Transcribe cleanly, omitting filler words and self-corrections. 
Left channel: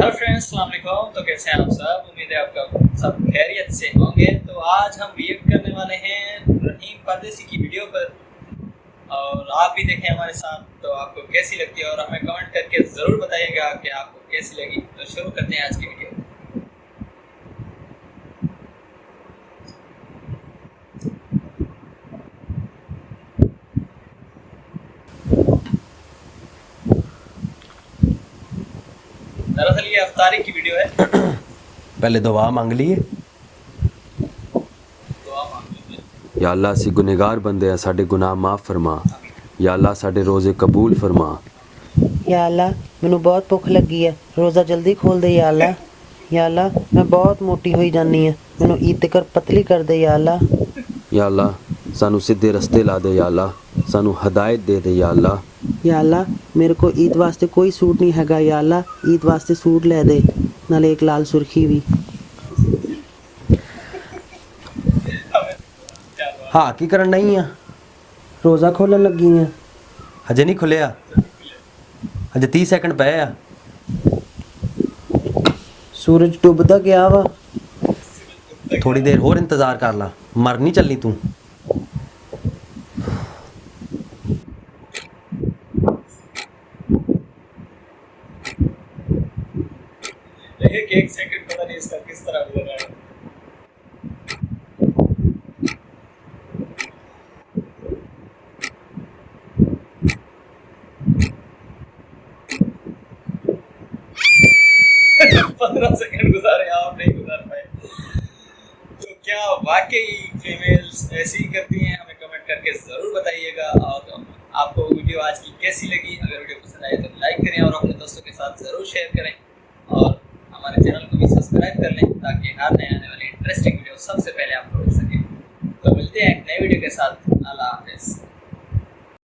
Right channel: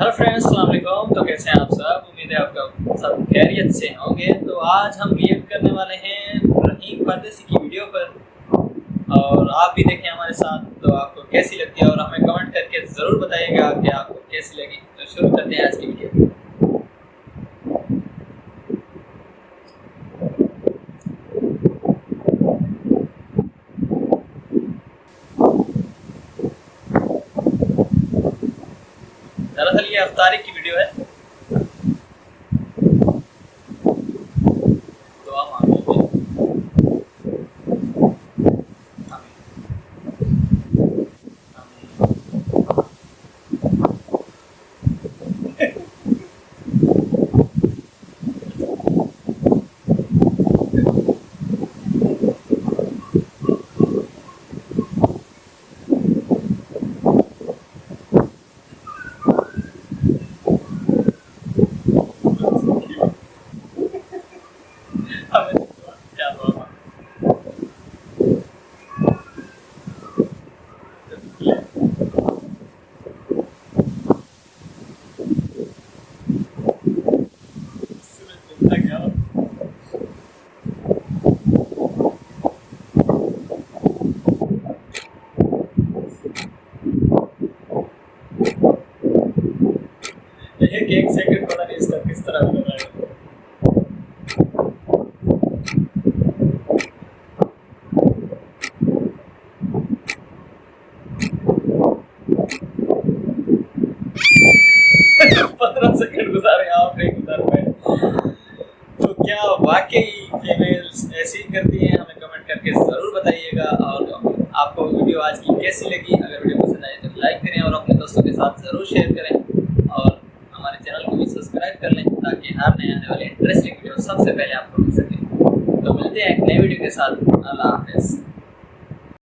Hello friends, अस्सलाम वालेकुम। तो कैसे हैं आप सब? उम्मीद है आपका सब खैरियत से होंगे। तो आज हम रिएक्ट करने वाले हैं रहीम परदेसी की वीडियो पर, और आप भी देखें हमारे साथ। तो आपको कैसी लगती है और हमें कमेंट करके ज़रूर बताइएगा कि आपको कैसी लगी। तो शुरू करते हैं आज की वीडियो। दरअसल ये अफ्तारी की वीडियो है। पहले दुआ मांग लिए। दुआ मांग लेते हैं। या अल्लाह सी गुनहगार बंदे आ, साडे गुनाह माफ़ फरमा। आमीन। या अल्लाह साडे रोज़े कबूल फरमा। या अल्लाह मैनू बहुत भुख लगी है, रोज़ा जल्दी खोल दे या अल्लाह। या अल्लाह मैं बहुत मोटी हुई जानी है, मैनू ईद कर पतली कर दे या अल्लाह। या अल्लाह सानू सीधे रस्ते ला दे। या अल्लाह सानू हदायत दे दे। या अल्लाह या अल्लाह मेरे को ईद वास्ते कोई सूट नहीं हैगा, या अल्लाह ईद वास्ते सूट लै दे, नाले एक लाल सुर्खी भी। क्या दुआ? हाँ की करन नहीं आ, रोज़ा खोलन लगी है, हजे नहीं खुलिया, हजे 30 सेकंड पे आ। सूरज डुबदा गया वा, थोड़ी देर होर इंतज़ार कर ला, मर नहीं चली तू। एक सेकंड पता नहीं इसका किस तरह गुजर रहा है। 15 सेकंड गुजारे, आप नहीं गुजार पाए। तो क्या वाकई फीमेल्स ऐसी ही करती हैं? हमें कमेंट करके ज़रूर बताइएगा। और आपको वीडियो आज की कैसी लगी? अगर वीडियो पसंद आए तो लाइक करें और अपने दोस्तों के साथ ज़रूर शेयर करें, और हमारे चैनल को भी सब्सक्राइब कर लें ताकि हर नए आने वाले इंटरेस्टिंग वीडियो सबसे पहले आपको मिल सके। तो मिलते हैं एक नए वीडियो के साथ। अल्लाह हाफ़िज़।